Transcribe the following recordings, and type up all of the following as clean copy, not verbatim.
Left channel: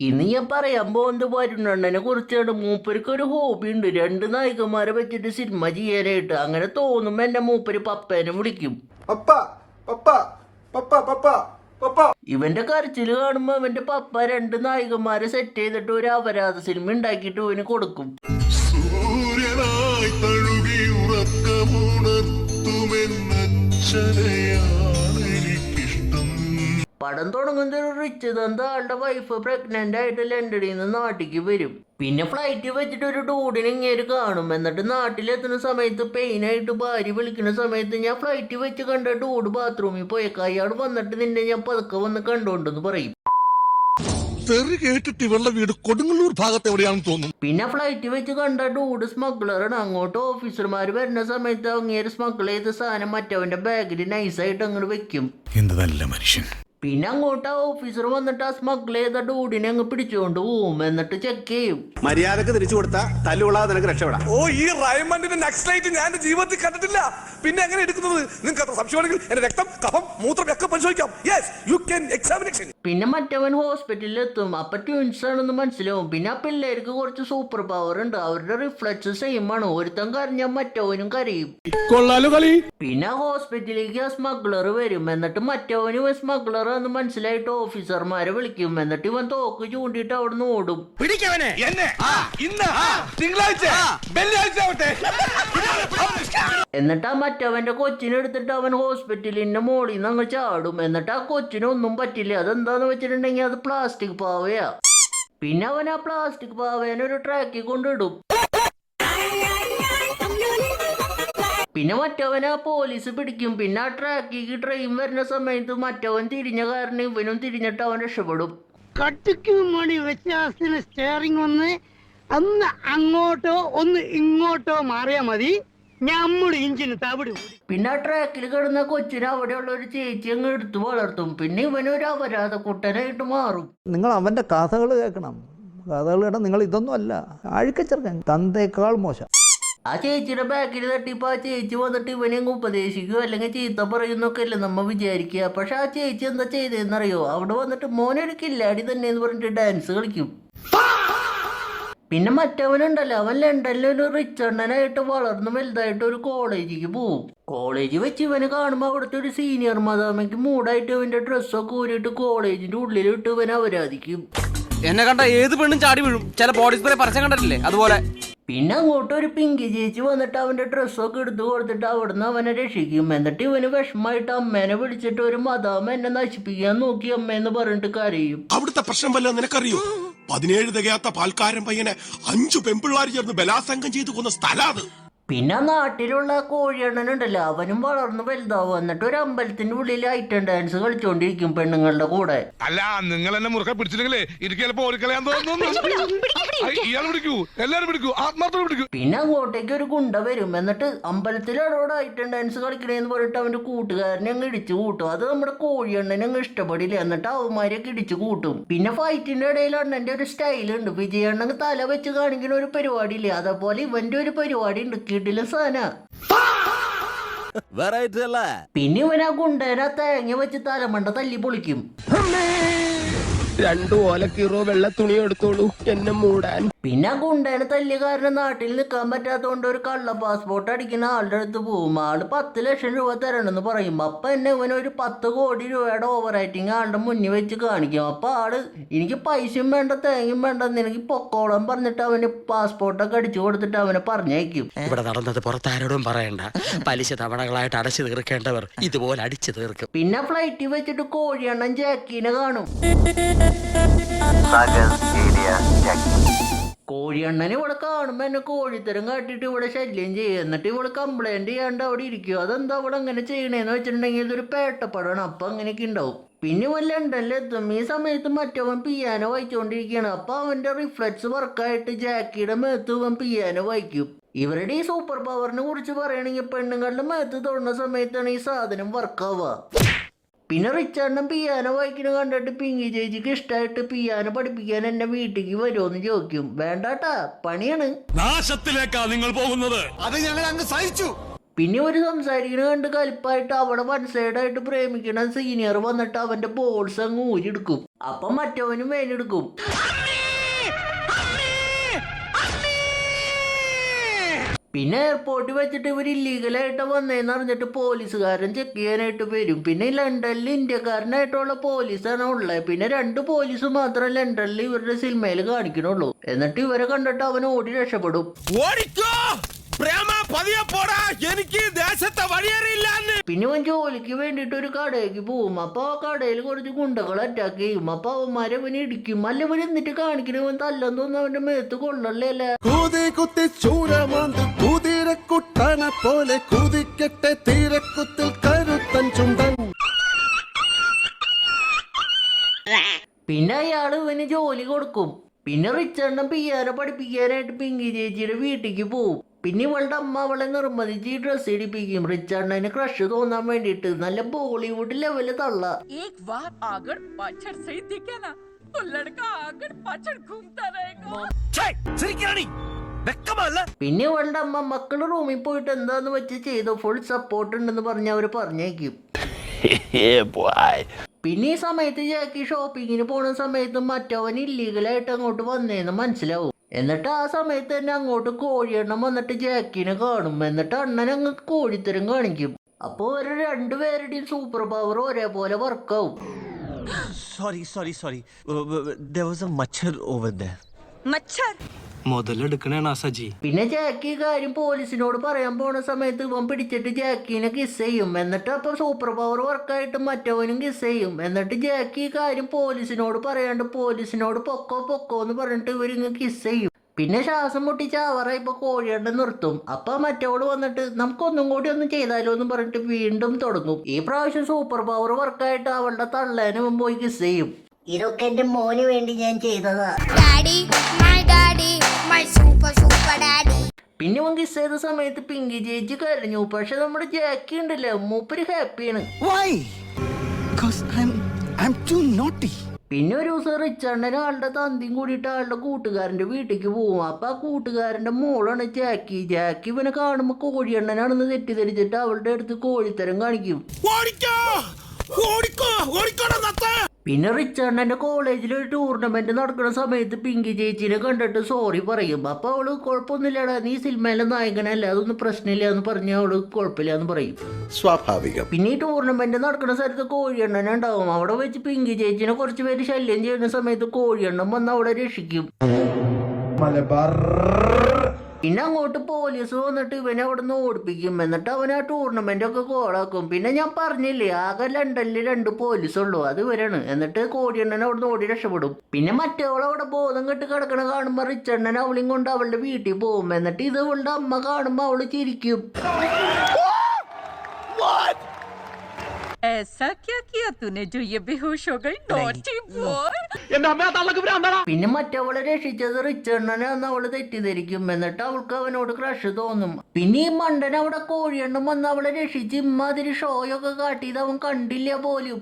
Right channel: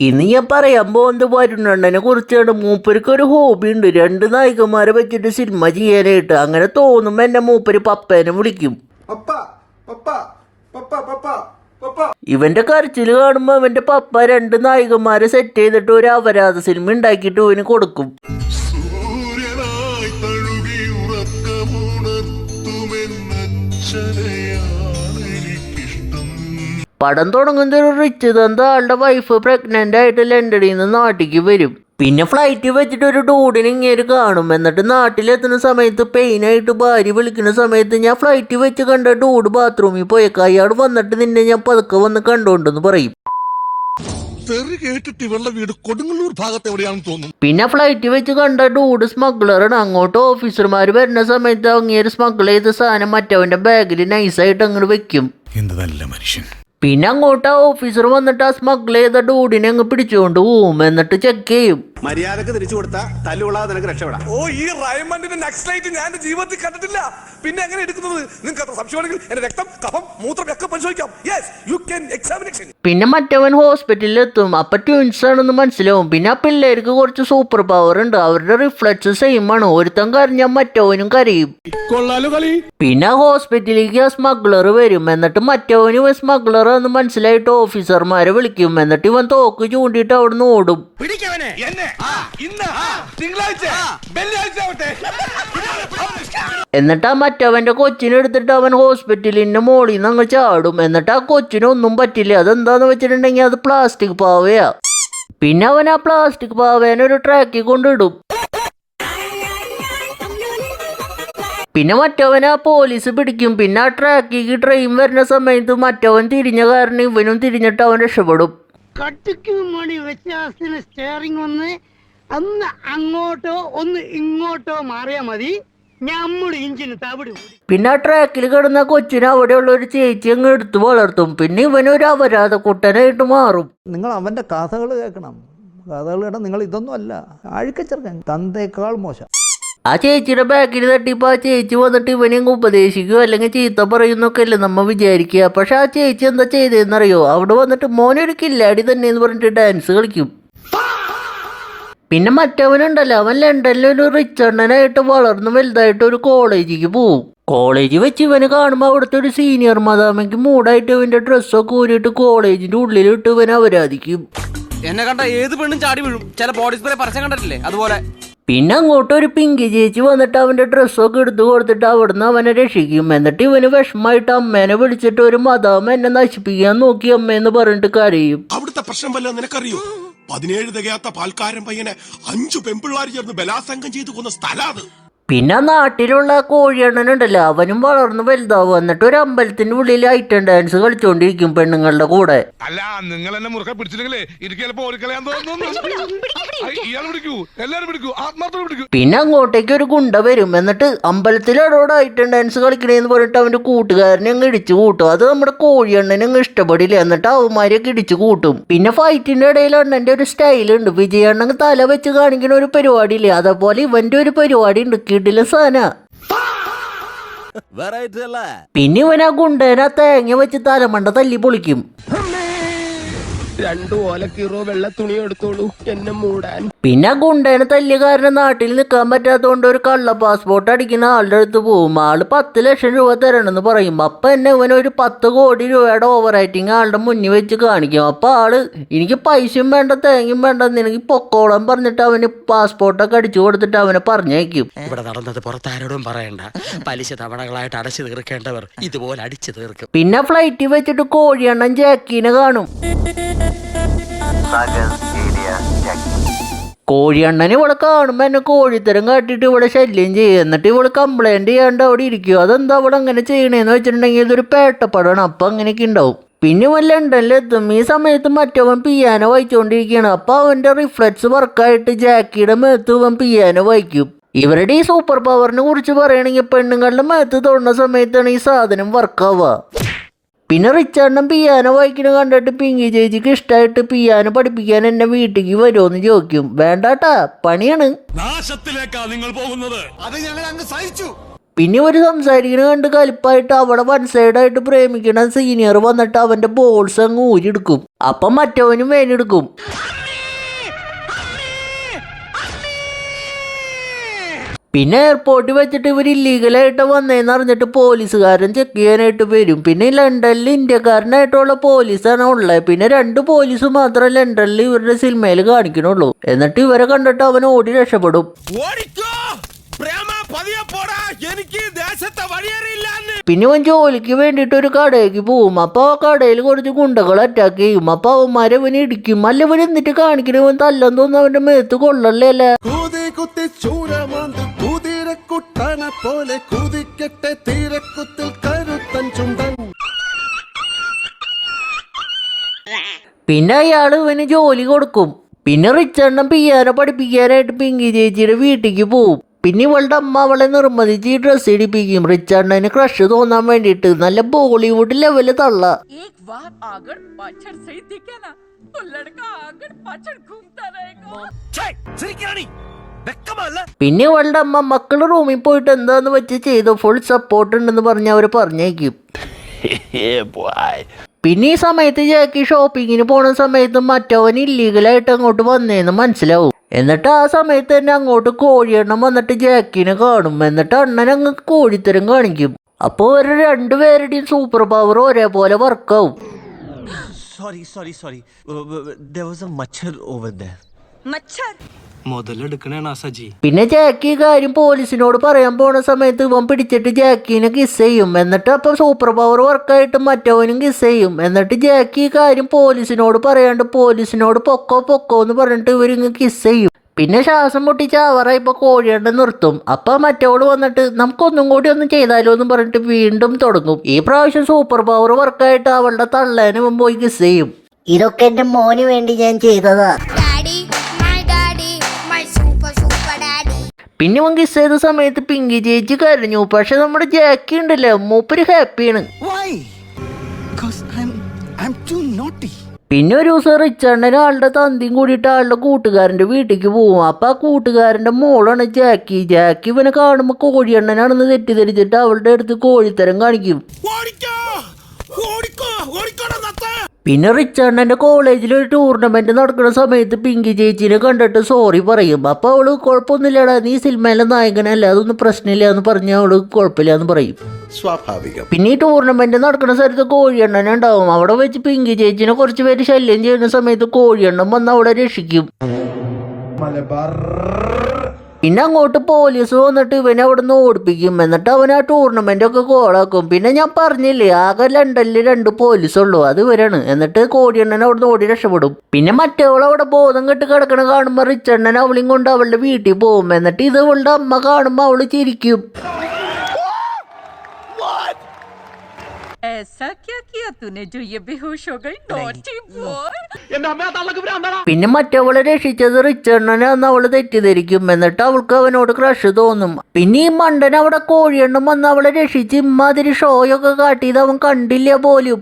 ഇന്ന് ഞാൻ പറയാൻ പോകുന്നത് വരുണ്ണനെ കുറിച്ചാണ്. മൂപ്പർക്ക് ഒരു ഹോബി ഉണ്ട്, 2 നായികമാരെ വെച്ചിട്ട് സിനിമ ചെയ്യാനായിട്ട്. അങ്ങനെ തോന്നുമ്പോ എന്നെ മൂപ്പര് പപ്പേനെ വിളിക്കും. ഇവന്റെ കരച്ചില് കാണുമ്പോ അവന്റെ പപ്പ 2 നായികമാരെ സെറ്റ് ചെയ്തിട്ട് ഒരു അപരാധ സിനിമ ഉണ്ടാക്കിയിട്ട് ഇവന് കൊടുക്കും. പടം തുടങ്ങുന്ന ഒരു റിച്ച് തന്ത ആളുടെ വൈഫ് പ്രഗ്നന്റ് ആയിട്ട് ലണ്ടനിൽ നിന്ന് നാട്ടിലേക്ക് വരും. പിന്നെ ഫ്ലൈറ്റ് വെച്ചിട്ട് ഒരു ഡൂഡിനെ ഇങ്ങനെ കാണും. എന്നിട്ട് നാട്ടിലെത്തുന്ന സമയത്ത് പെയിനായിട്ട് ഭാര്യ വിളിക്കുന്ന സമയത്ത് ഞാൻ ഫ്ലൈറ്റ് വെച്ച് കണ്ട ഡൂഡ് ബാത്റൂമിൽ പോയേക്കാം, അയാൾ വന്നിട്ട് നിന്നെ ഞാൻ പതുക്കെ വന്ന് കണ്ടോണ്ടെന്ന് പറയും. പിന്നെ ഫ്ലൈറ്റ് വെച്ച് കണ്ട ഡൂഡ് സ്മഗ്ലറാണ്. അങ്ങോട്ട് ഓഫീസർമാർ വരുന്ന സമയത്ത് അങ്ങേര് സ്മഗിൾ ചെയ്ത സാധനം മറ്റവന്റെ ബാഗിൽ നൈസായിട്ട് അങ്ങോട്ട് വെക്കും. എന്ത് നല്ല മനുഷ്യൻ. പിന്നെ അങ്ങോട്ട് ആ ഓഫീസർ വന്നിട്ട് ആ സ്മഗിൾ ചെയ്ത ഡൂഡിനെ അങ്ങ് പിടിച്ചുകൊണ്ട് പോവും. എന്നിട്ട് ചെക്ക് ചെയ്യും. മര്യാദക്ക് തിരിച്ചു കൊടുത്താ തല്ലുകൊള്ളാതെ നിനക്ക് രക്ഷപ്പെടാം. ഓ, ഈ റൈമണ്ടിന്റെ നക്സലൈറ്റ് ഞാൻ എന്റെ ജീവിതത്തിൽ കണ്ടിട്ടില്ല. പിന്നെ എങ്ങനെ എടുക്കുന്നത്? നിങ്ങൾക്ക് അത്ര സംശയമാണെങ്കിൽ എന്റെ രക്തം, കഫം, മൂത്രം ഒക്കെ പരിശോധിക്കാം. Yes, you can examination. പിന്നെ മറ്റവൻ ഹോസ്പിറ്റലിൽ എത്തും. അപ്പൊ ട്വിൻസ് ആണെന്ന് മനസ്സിലാവും. പിന്നെ ആ പിള്ളേർക്ക് കുറച്ച് സൂപ്പർ പവർ ഉണ്ട്. അവരുടെ റിഫ്ലക്സ് സെയിം ആണ്. ഒരുത്തൻ കരഞ്ഞാൽ മറ്റവനും കരയും. പിന്നെ ഹോസ്പിറ്റലിലേക്ക് ആ സ്മഗ്ലർ വരും. എന്നിട്ട് മറ്റവനും സ്മഗ്ലർ എന്ന് മനസ്സിലായിട്ട് ഓഫീസർമാരെ വിളിക്കും. എന്നിട്ട് ഇവൻ തോക്ക് ചൂണ്ടിയിട്ട് അവിടുന്ന് ഓടും. എന്നിട്ട് ആ മറ്റവന്റെ കൊച്ചിനെ എടുത്തിട്ട് അവൻ ഹോസ്പിറ്റലിന്റെ മോളിൽ നിന്ന് അങ്ങ് ചാടും. എന്നിട്ട് ആ കൊച്ചിനൊന്നും പറ്റില്ല. അതെന്താന്ന് വെച്ചിട്ടുണ്ടെങ്കിൽ അത് പ്ലാസ്റ്റിക് പാവയാ. പിന്നെ അവൻ ആ പ്ലാസ്റ്റിക് പാവേനെ ഒരു ട്രാക്കിൽ കൊണ്ടിടും. പിന്നെ മറ്റവനെ ആ പോലീസ് പിടിക്കും. പിന്നെ ആ ട്രാക്കിക്ക് ട്രെയിൻ വരുന്ന സമയത്ത് മറ്റവൻ തിരിഞ്ഞ കാരണം ഇവനും തിരിഞ്ഞിട്ട് അവൻ രക്ഷപ്പെടും. കട്ടിക്ക് മണി വ്യത്യാസത്തിന് സ്റ്റിയറിംഗ് ഒന്ന് അങ്ങോട്ടോ ഒന്ന് ഇങ്ങോട്ടോ മാറിയാ മതി, നമ്മുടെ ഇഞ്ചിന് തവിട്. പിന്നെ ആ ട്രാക്കിൽ കിടന്ന കൊച്ചിനെ അവിടെയുള്ള ഒരു ചേച്ചി അങ്ങ് എടുത്ത് വളർത്തും. പിന്നെ ഇവനൊരു അപരാധ കുട്ടനായിട്ട് മാറും. നിങ്ങൾ അവൻ്റെ കഥകൾ കേൾക്കണം. കഥകൾ കേട്ടാൽ നിങ്ങൾ ഇതൊന്നും അല്ല, അഴുക്കച്ചെറുക്കൻ, തന്തേക്കാൾ മോശം. ആ ചേച്ചിയുടെ ബാക്കിൽ തട്ടിപ്പോൾ ആ ചേച്ചി വന്നിട്ട് ഇവനെ ഉപദേശിക്കുകയോ അല്ലെങ്കിൽ ചീത്ത പറയുന്നൊക്കെ അല്ലേ നമ്മ വിചാരിക്കുക. പക്ഷെ ആ ചേച്ചി എന്താ ചെയ്തതെന്നറിയോ? അവിടെ വന്നിട്ട് മോനൊരു കില്ലാടി തന്നെ എന്ന് പറഞ്ഞിട്ട് ഡാൻസ് കളിക്കും. പിന്നെ മറ്റവനുണ്ടല്ലോ, അവൻ ലണ്ടനിലൊരു റിച്ച് അണ്ണനായിട്ട് വളർന്ന് വലുതായിട്ട് ഒരു കോളേജിലേക്ക് പോവും. കോളേജ് വെച്ച് ഇവന് കാണുമ്പോൾ അവിടുത്തെ ഒരു സീനിയർ മദാമയ്ക്ക് മൂടായിട്ട് ഇവന്റെ ഡ്രസ്സൊക്കെ ഊരിയിട്ട് കോളേജിന്റെ ഉള്ളിലിട്ട് ഇവൻ അപരാധിക്കും. എന്നെ കണ്ട ഏത് പെണ്ണും ചാടി വീഴും. ചില ബോഡി സ്പ്രേ പരസ്യം കണ്ടിട്ടില്ലേ, അതുപോലെ. പിന്നെ അങ്ങോട്ട് ഒരു പിങ്കി ചേച്ചി വന്നിട്ട് അവന്റെ ഡ്രസ്സൊക്കെ എടുത്തു കൊടുത്തിട്ട് അവിടുന്ന് അവനെ രക്ഷിക്കും. എന്നിട്ട് ഇവന് വിഷമമായിട്ട് അമ്മേനെ വിളിച്ചിട്ട് ഒരു മദാമ എന്നെ നശിപ്പിക്കാൻ നോക്കി അമ്മയെന്ന് പറഞ്ഞിട്ട് കരയും. അവിടുത്തെ പ്രശ്നം വല്ല നിനക്കറിയോ? 17 തികയാത്ത പാൽക്കാരൻ പയ്യനെ 5 പെൺപിള്ളാർ ചേർന്ന് ബലാത്സംഗം ചെയ്തു കൊന്ന സ്ഥലത്. പിന്നെ നാട്ടിലുള്ള കോഴിയണ്ണനുണ്ടല്ലോ, അവനും വളർന്ന് വലുതാവും. എന്നിട്ട് ഒരു അമ്പലത്തിന്റെ ഉള്ളിൽ ഐറ്റം ഡാൻസ് കളിച്ചോണ്ടിരിക്കും പെണ്ണുങ്ങളുടെ കൂടെ. അല്ല, നിങ്ങൾ എന്നെ മുറുകെ പിടിച്ചില്ലെങ്കിലേ എനിക്ക് ചിലപ്പോ ഓടിക്കളയാൻ തോന്നുന്നു. പിന്നെ അങ്ങോട്ടേക്ക് ഒരു ഗുണ്ട വരും. എന്നിട്ട് അമ്പലത്തിലോട് ഐറ്റം ഡാൻസ് കളിക്കണേന്ന് പറഞ്ഞിട്ട് അവന്റെ കൂട്ടുകാരനെ അങ്ങ് ഇടിച്ചു കൂട്ടും. അത് നമ്മുടെ കോഴിയണ്ണനെ അങ്ങ് ഇഷ്ടപ്പെടില്ല. എന്നിട്ട് അവന്മാരെയൊക്കെ ഇടിച്ചു കൂട്ടും. പിന്നെ ഫൈറ്റിന്റെ ഇടയിൽ അണ്ണന്റെ ഒരു സ്റ്റൈലുണ്ട്. വിജയണ്ണൻ തല വെച്ച് കാണിക്കുന്ന ഒരു പരിപാടി ഇല്ലേ, അതേപോലെ ഇവന്റെ ഒരു പരിപാടി ഉണ്ട്. പിന്നെ ഇവൻ ആ ഗുണ്ടേനെ തേങ്ങ വെച്ച് തലമണ്ട തല്ലി പൊളിക്കും. 2 ഓലക്കീറോ വെള്ള തുണി എടുത്തോളൂ എന്നെ മൂടാൻ. പിന്നെ ഗുണ്ടേനെ തല്ലിയ കാരണം നാട്ടിൽ നിൽക്കാൻ പറ്റാത്തതുകൊണ്ട് ഒരു കള്ള പാസ്പോർട്ട് അടിക്കുന്ന ആളുടെ അടുത്ത് പോകും. ആള് 10 ലക്ഷം രൂപ തരണമെന്ന് പറയും. അപ്പൊ എന്നെ ഇവനൊരു 10 കോടി രൂപയുടെ ഓവർ റൈറ്റിംഗ് ആളുടെ മുന്നിൽ വെച്ച് കാണിക്കും. അപ്പൊ ആള് എനിക്ക് പൈസയും വേണ്ട തേങ്ങയും വേണ്ട, നിനക്ക് പൊക്കോളം പറഞ്ഞിട്ട് അവന് പാസ്പോർട്ടൊക്കെ അടിച്ചു കൊടുത്തിട്ട് അവനെ പറഞ്ഞേക്കും. ഇവിടെ നടന്നത് പുറത്താരോടും പറയണ്ട. പലിശ തവണകളായിട്ട് അടച്ചു തീർക്കേണ്ടവർ ഇതുപോലെ അടിച്ചു തീർക്കും. പിന്നെ ഫ്ലൈറ്റിൽ വെച്ചിട്ട് കോഴിയണ്ണൻ ജാക്കീനെ കാണും. കോഴിയണ്ണന് ഇവിടെ കാണുമ്പോ എന്നെ കോഴിത്തരം കാട്ടിട്ട് ഇവിടെ ശല്യം ചെയ്യും. എന്നിട്ട് ഇവിടെ കംപ്ലൈന്റ് ചെയ്യാണ്ട് അവിടെ ഇരിക്കും. അതെന്താ അവിടെ അങ്ങനെ ചെയ്യണേന്ന് വെച്ചിട്ടുണ്ടെങ്കിൽ ഇതൊരു പേട്ടപ്പടമാണ്. അപ്പൊ അങ്ങനെയൊക്കെ ഉണ്ടാവും. പിന്നെ ഇവൻ ലണ്ടനിലെത്തും. ഈ സമയത്ത് മറ്റവൻ പിയാനോ വായിച്ചുകൊണ്ടിരിക്കുകയാണ്. അപ്പൊ അവന്റെ റിഫ്ലക്സ് വർക്കായിട്ട് ജാക്കിയുടെ മേത്ത് ഇവൻ പിയാനോ വായിക്കും. ഇവരുടെ ഈ സൂപ്പർ പവറിനെ കുറിച്ച് പറയുകയാണെങ്കിൽ പെണ്ണുങ്ങളുടെ മേത്ത് തൊടുന്ന സമയത്താണ് ഈ സാധനം വർക്കാവുക. പിന്നെ റിച്ചാർഡൻ പിയാനോ വായിക്കണ കണ്ടിട്ട് പിങ്കി ചേച്ചിക്ക് ഇഷ്ടമായിട്ട് പിയാനോ പഠിപ്പിക്കാൻ എന്നെ വീട്ടിലേക്ക് വരുമോന്ന് ചോദിക്കും. വേണ്ടാട്ടാ, പണിയാണ്. നാശത്തിലേക്കാ നിങ്ങൾ പോകുന്നത്. അത് ഞങ്ങൾ അങ്ങ് സഹിച്ചു. പിന്നെ ഒരു സംസാരിക്കണ കണ്ട് കലിപ്പായിട്ട് അവിടെ വൺ സൈഡായിട്ട് പ്രേമിക്കണ സീനിയർ വന്നിട്ട് അവന്റെ ബോൾസ് അങ്ങ് ഊരിയെടുക്കും. അപ്പം മറ്റവനും വേനെടുക്കും. പിന്നെ എയർപോർട്ടിൽ വെച്ചിട്ട് ഇവർ ഇല്ലീഗലായിട്ട് വന്നതെന്ന് അറിഞ്ഞിട്ട് പോലീസുകാരൻ ചെക്ക് ചെയ്യാനായിട്ട് വരും. പിന്നെ ലണ്ടനിൽ ഇന്ത്യക്കാരനായിട്ടുള്ള പോലീസാണ് ഉള്ളത്. പിന്നെ 2 പോലീസ് മാത്രം ലണ്ടനിൽ ഇവരുടെ സിനിമയിൽ കാണിക്കണുള്ളൂ. എന്നിട്ട് ഇവരെ കണ്ടിട്ട് അവൻ ഓടി രക്ഷപ്പെടും. പിന്നെ അവൻ ജോലിക്ക് വേണ്ടിയിട്ട് ഒരു കടയിലേക്ക് പോവും. അപ്പൊ ആ കടയിൽ കുറച്ച് ഗുണ്ടകൾ അറ്റാക്ക് ചെയ്യും. അപ്പൊ അവന്മാരെ അവന് ഇടിക്കും. അല്ല ഇവൻ എന്നിട്ട് കാണിക്കണ അവൻ തല്ലെന്ന് തോന്നുന്നു അവന്റെ മേത്ത് കൊള്ളല്ലേ അല്ലേ. പിന്നെ അയാള് ഇവന് ജോലി കൊടുക്കും. പിന്നെ റിച്ചണ്ണൻ പിയാനോ പഠിപ്പിക്കാനായിട്ട് പിങ്കി ചേച്ചിയുടെ വീട്ടിലേക്ക് പോവും. പിന്നെ ഇവളുടെ അമ്മ അവളെ നിർബന്ധിച്ച് ഈ ഡ്രസ്സ് ഇടിപ്പിക്കും. റിച്ചണ്ണന് ക്രഷ് തോന്നാൻ വേണ്ടിയിട്ട്. നല്ല ബോളിവുഡ് ലെവല് തള്ള. പിന്നെ ഇവളുടെ അമ്മ മക്കള് റൂമിൽ പോയിട്ട് എന്താന്ന് വെച്ച് ചെയ്തോ, ഫുൾ സപ്പോർട്ട് ഉണ്ടെന്ന് പറഞ്ഞ് അവര് പറഞ്ഞേക്കും. പിന്നെ ഈ സമയത്ത് ജാക്കി ഷോപ്പിങ്ങിന് പോണ സമയത്ത് മറ്റവൻ ഇല്ലീഗലായിട്ട് അങ്ങോട്ട് വന്നേന്ന് മനസ്സിലാവും. എന്നിട്ട് ആ സമയത്ത് തന്നെ അങ്ങോട്ട് കോഴിയെണ്ണം വന്നിട്ട് ജാക്കിനെ കാണും. എന്നിട്ട് അണ്ണൻ അങ്ങ് കോഴിത്തരം കാണിക്കും. അപ്പോൾ ഒരു 2 പേരുടെയും സൂപ്പർ പവർ ഒരേപോലെ വർക്കാവും. Sorry. There was a machar over there. മച്ചർ മുതലെടുക്കണേണ സജി. പിന്നെ ജാക്കി കാര്യം പോലീസിനോട് പറയാൻ പോണ സമയത്ത് ഇവൻ പിടിച്ചിട്ട് ജാക്കിനെ കിസ് ചെയ്യും. എന്നിട്ട് അപ്പം സൂപ്പർ പവർ വർക്കായിട്ട് മറ്റവനും കിസ് ചെയ്യും. എന്നിട്ട് ജാക്കി കാര്യം പോലീസിനോട് പറയാണ്ട് പോലീസിനോട് പൊക്കോ എന്ന് പറഞ്ഞിട്ട് ഇവരിങ്ങ് കിസ് ചെയ്യും. പിന്നെ ശ്വാസം മുട്ടിച്ച് അവറായിപ്പോ കോഴിയണ്ട നിർത്തും. അപ്പൊ മറ്റവള് വന്നിട്ട് നമുക്കൊന്നും കൂടി ഒന്നും ചെയ്താലോ എന്ന് പറഞ്ഞിട്ട് വീണ്ടും തുടങ്ങും. ഈ പ്രാവശ്യം സൂപ്പർ പവർ വർക്കായിട്ട് അവളുടെ തള്ളേനെ ഇവൻ പോയി കിസ് ചെയ്യും. ഇതൊക്കെ എന്റെ മോന് വേണ്ടി ഞാൻ ചെയ്തതാ. പിന്നെ അവൻ കിസ് ചെയ്ത സമയത്ത് പിങ്കി ചേച്ചി കരഞ്ഞു. പക്ഷെ നമ്മുടെ ജാക്കി ഉണ്ടല്ലോ, മൂപ്പര് ഹാപ്പിയാണ്. പിന്നെ ഒരു ദിവസം റിച്ചണ്ണന് ആളുടെ തന്തിയും കൂടിയിട്ട് ആളുടെ കൂട്ടുകാരന്റെ വീട്ടിലേക്ക് പോവും. അപ്പൊ ആ കൂട്ടുകാരന്റെ മോളാണ് ജാക്കി. ജാക്കി ഇവനെ കാണുമ്പോ കോഴിയണ്ണനാണെന്ന് തെറ്റിദ്ധരിച്ചിട്ട് അവളുടെ അടുത്ത് കോഴിത്തരം കാണിക്കും. പിന്നെ റിച്ചണ്ണന്റെ കോളേജിൽ ഒരു ടൂർണമെന്റ് നടക്കുന്ന സമയത്ത് പിങ്കി ചേച്ചിനെ കണ്ടിട്ട് സോറി പറയും. അപ്പൊ അവള് കുഴപ്പമൊന്നുമില്ലടാ, നീ സിനിമയിലെ നായകനല്ല, അതൊന്നും പ്രശ്നമില്ല എന്ന് പറഞ്ഞ അവള് കുഴപ്പമില്ല എന്ന് പറയും. സ്വാഭാവികം. പിന്നെ ഈ ടൂർണമെന്റ് നടക്കുന്ന സ്ഥലത്ത് കോഴിയണ്ണൻ ഉണ്ടാവും. അവിടെ വെച്ച് പിങ്കി ചേച്ചിനെ കുറച്ച് പേര് ശല്യം ചെയ്യുന്ന സമയത്ത് കോഴിയണ്ണൻ വന്ന് അവിടെ രക്ഷിക്കും. പിന്നെ അങ്ങോട്ട് പോലീസ് വന്നിട്ട് ഇവനെ അവിടെ നിന്ന് ഓടിപ്പിക്കും. എന്നിട്ട് അവൻ ആ ടൂർണമെന്റ് ഒക്കെ കോളാക്കും. പിന്നെ ഞാൻ പറഞ്ഞില്ലേ, ആകെ ലണ്ടനിൽ 2 പോലീസുള്ളൂ, അത് ഇവരാണ്. എന്നിട്ട് കോഴിയണ്ണൻ അവിടെ നിന്ന് ഓടി രക്ഷപ്പെടും. പിന്നെ മറ്റവളവിടെ ബോധം കെട്ട് കിടക്കണ കാണുമ്പോൾ റിച്ചണ്ണൻ അവളെയും കൊണ്ട് അവളുടെ വീട്ടിൽ പോകും. എന്നിട്ട് ഇത് ഇവളുടെ അമ്മ കാണുമ്പോൾ അവള് ചിരിക്കും. ऐसा क्या किया तूने जो ये बेहोश हो गई? Naughty boy. പിന്നെ മറ്റവളെ രക്ഷിച്ചത് റിച്ചണ്ണനാന്ന് അവള് തെറ്റിദ്ധരിക്കും. എന്നിട്ട് അവൾക്ക് അവനോട് ക്രഷ് തോന്നും. പിന്നെ ഈ മണ്ടൻ അവിടെ കോഴിയെണ്ണം വന്ന് അവളെ രക്ഷിച്ച് ഇമ്മാതിരി ഷോയൊക്കെ കാട്ടിയത് അവൻ കണ്ടില്ല പോലും.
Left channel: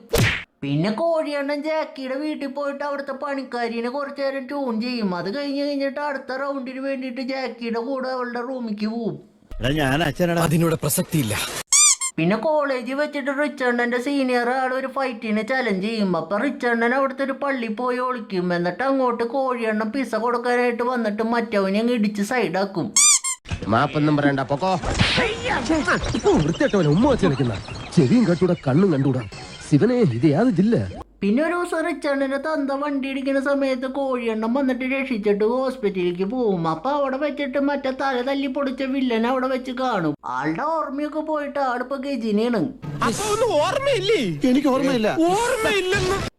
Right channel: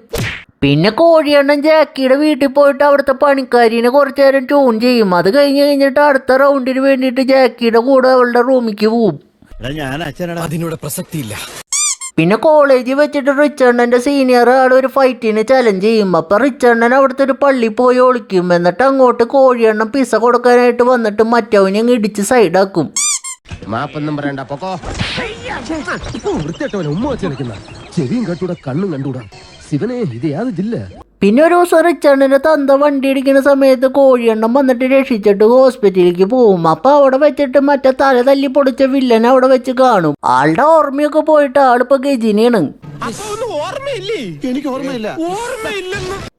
പിന്നെ കോഴിയെണ്ണം ജാക്കിയുടെ വീട്ടിൽ പോയിട്ട് അവിടുത്തെ പണിക്കാരിനെ കുറച്ചു നേരം ട്യൂൺ ചെയ്യും. അത് കഴിഞ്ഞിട്ട് അടുത്ത റൗണ്ടിന് വേണ്ടിയിട്ട് ജാക്കിയുടെ കൂടെ അവളുടെ റൂമിലേക്ക് പോവും. അതിനോട് പ്രസക്തിയില്ല. പിന്നെ കോളേജിൽ വെച്ചിട്ട് റിച്ചണ്ണന്റെ സീനിയർ ആൾ ഒരു ഫൈറ്റിന് ചലഞ്ച് ചെയ്യും. അപ്പൊ റിച്ചണ്ണൻ അവിടുത്തെ ഒരു പള്ളി പോയി ഒളിക്കും. എന്നിട്ട് അങ്ങോട്ട് കോഴിയെണ്ണം പിസ കൊടുക്കാനായിട്ട് വന്നിട്ട് മറ്റവനെ ഇടിച്ച് സൈഡാക്കും. മാപ്പൊന്നും പറയണ്ട, പൊക്കോ. വൃത്തിയായിട്ടവനെ ഉമ്മ വെച്ച് കളിക്കുന്ന ചെവിയും കണ്ടൂടാ കണ്ണും കണ്ടൂടാ. ശിവനെ, ഇത് യാത് ജില്ല. പിന്നെ ഒരു ദിവസം റിച്ചണ്ണന്റെ തന്ത വണ്ടി ഇടിക്കുന്ന സമയത്ത് കോഴിയെണ്ണം വന്നിട്ട് രക്ഷിച്ചിട്ട് ഹോസ്പിറ്റലിലേക്ക് പോവും. അപ്പൊ അവിടെ വെച്ചിട്ട് മറ്റേ തല തല്ലി പൊടിച്ച വില്ലൻ അവിടെ വെച്ച് കാണും. ആളുടെ ഓർമ്മയൊക്കെ പോയിട്ട് ആളിപ്പോ ഗജിനിയാണ്. എനിക്ക് ഓർമ്മയില്ല.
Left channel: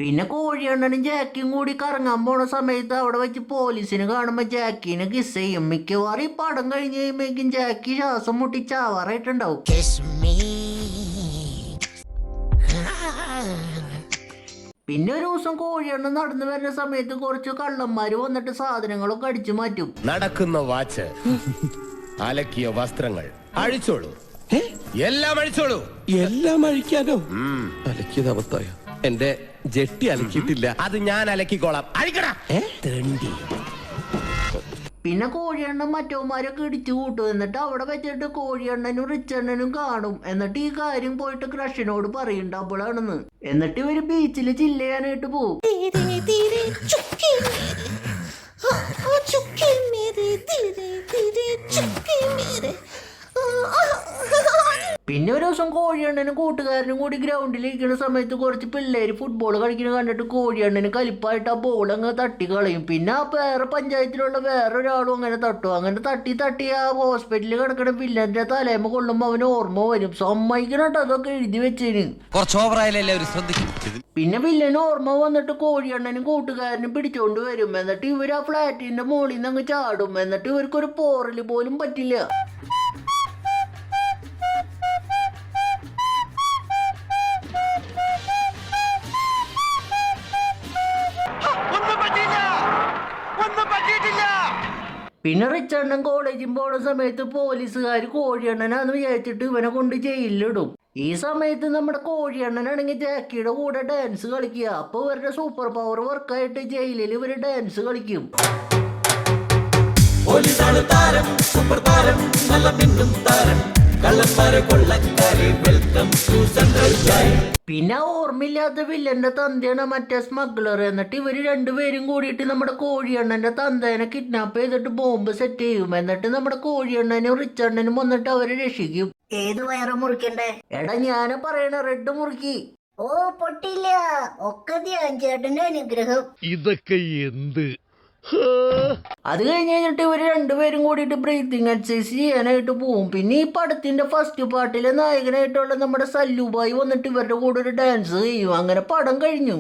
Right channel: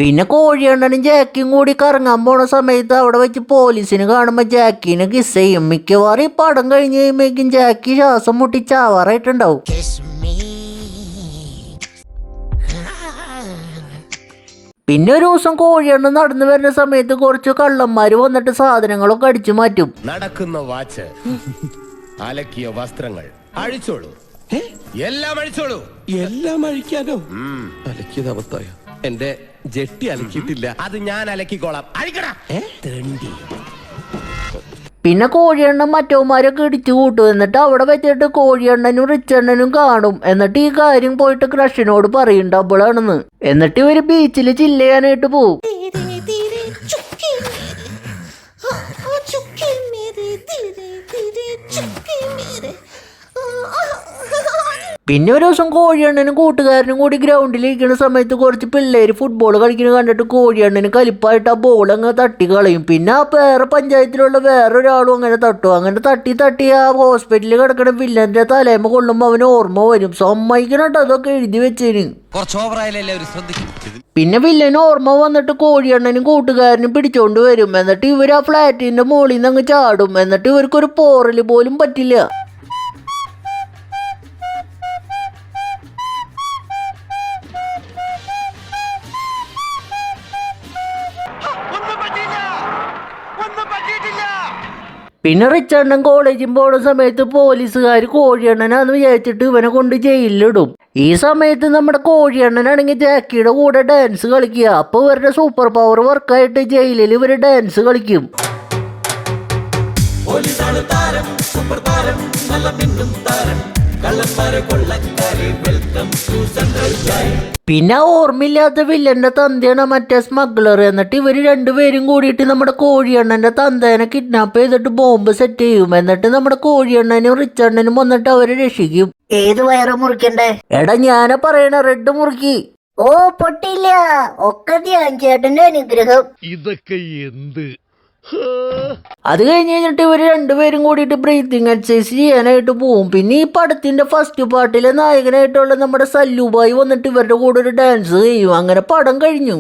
പിന്നെ കോഴിയെണ്ണനും ജാക്കിയും കൂടി കറങ്ങാൻ പോണ സമയത്ത് അവിടെ വെച്ച് പോലീസിന് കാണുമ്പോ ജാക്കിനെ കിസ് ചെയ്യും. മിക്കവാറും ഈ പടം കഴിഞ്ഞ് കഴിയുമ്പോഴേക്കും ജാക്കി ശ്വാസം മുട്ടി ചാവാറായിട്ടുണ്ടാവും. പിന്നെ ഒരു ദിവസം കോഴിയെണ്ണം നടന്നു വരുന്ന സമയത്ത് കുറച്ച് കള്ളന്മാര് വന്നിട്ട് സാധനങ്ങളൊക്കെ അടിച്ചു മാറ്റും. നടക്കുന്ന വാച്ച്, അലക്കിയ വസ്ത്രങ്ങൾ അഴിച്ചോളൂ. എല്ലാം അഴിച്ചോളൂ. എല്ലാം അഴിക്കാനോ? അലക്കിയത് അബദ്ധായ. എന്റെ ജെട്ടി അലക്കിയിട്ടില്ല. അത് ഞാൻ അലക്കിക്കോളാം. അഴിക്കടാ. പിന്നെ കോഴിയെണ്ണം മറ്റവന്മാരൊക്കെ ഇടിച്ചു കൂട്ടും. എന്നിട്ട് അവിടെ വെച്ചിട്ട് കോഴിയെണ്ണനും റിച്ചണ്ണനും കാണും. എന്നിട്ട് ഈ കാര്യം പോയിട്ട് ക്രഷിനോട് പറയും ഡബിളാണെന്ന്. എന്നിട്ട് ഇവര് ബീച്ചിൽ ചില്ല് ചെയ്യാനായിട്ട് പോവും. പിന്നെ ഒരു ദിവസം കോഴിയണ്ണനും കൂട്ടുകാരനും കൂടി ഗ്രൗണ്ടിലിരിക്കുന്ന സമയത്ത് കുറച്ച് പിള്ളേർ ഫുട്ബോൾ കളിക്കുന്നത് കണ്ടിട്ട് കോഴിയണ്ണന് കലിപ്പായിട്ട് ആ ബോൾ അങ്ങ് തട്ടി കളയും. പിന്നെ ആ വേറെ പഞ്ചായത്തിലുള്ള വേറൊരാളും അങ്ങനെ തട്ടും. അങ്ങനെ തട്ടി ആ ഹോസ്പിറ്റലിൽ കിടക്കുന്ന വില്ലന്റെ തലേമ കൊള്ളുമ്പോൾ അവന് ഓർമ്മ വരും. സമ്മതിക്കണട്ടോ അതൊക്കെ എഴുതി വെച്ചേന്. പിന്നെ വില്ലന് ഓർമ്മ വന്നിട്ട് കോഴിയണ്ണനും കൂട്ടുകാരനും പിടിച്ചോണ്ട് വരും. എന്നിട്ട് ഇവർ ആ ഫ്ലാറ്റിന്റെ മുകളിൽ നിന്ന് അങ്ങ് ചാടും. എന്നിട്ട് ഇവർക്കൊരു പോറല് പോലും പറ്റില്ല. പിന്നെ റിച്ചണ്ണൻ കോളേജിൽ പോകുന്ന സമയത്ത് പോലീസുകാർ കോഴിയണ്ണനാന്ന് വിചാരിച്ചിട്ട് ഇവനെ കൊണ്ട് ജയിലിലിടും. ഈ സമയത്ത് നമ്മുടെ കോഴിയണ്ണനാണെങ്കിൽ ജാക്കിയുടെ കൂടെ ഡാൻസ് കളിക്കുക. അപ്പോൾ ഇവരുടെ സൂപ്പർ പവർ വർക്കായിട്ട് ജയിലിൽ ഇവർ ഡാൻസ് കളിക്കും. പിന്നെ ഓർമ്മയില്ലാത്ത വില്ലന്റെ തന്തയാണ് മറ്റേ സ്മഗ്ലർ. എന്നിട്ട് ഇവർ രണ്ടുപേരും കൂടിയിട്ട് നമ്മുടെ കോഴിയണ്ണന്റെ തന്തേനെ കിഡ്നാപ്പ് ചെയ്തിട്ട് ബോംബ് സെറ്റ് ചെയ്യും. എന്നിട്ട് നമ്മുടെ കോഴിയണ്ണനും റിച്ചണ്ണനും വന്നിട്ട് അവരെ രക്ഷിക്കും. ഏത് വയറ് മുറിക്കണ്ടേ? എടാ ഞാനാ പറയണ റെഡ് മുറുക്കി. ഓ പൊട്ടില്ല, ഒക്കെ ധ്യാൻ ചേട്ടന്റെ അനുഗ്രഹം. ഇതൊക്കെ എന്ത്? അത് കഴിഞ്ഞിട്ട് ഇവർ രണ്ടുപേരും കൂടിയിട്ട് ബ്രീത്തിങ് എക്സസൈസ് ചെയ്യാനായിട്ട് പോവും. പിന്നെ ഈ പടത്തിന്റെ ഫസ്റ്റ് പാർട്ടിലെ നായകനായിട്ടുള്ള നമ്മുടെ സല്ലുബായി വന്നിട്ട് ഇവരുടെ കൂടെ ഒരു ഡാൻസ് ചെയ്യും. അങ്ങനെ പടം കഴിഞ്ഞു.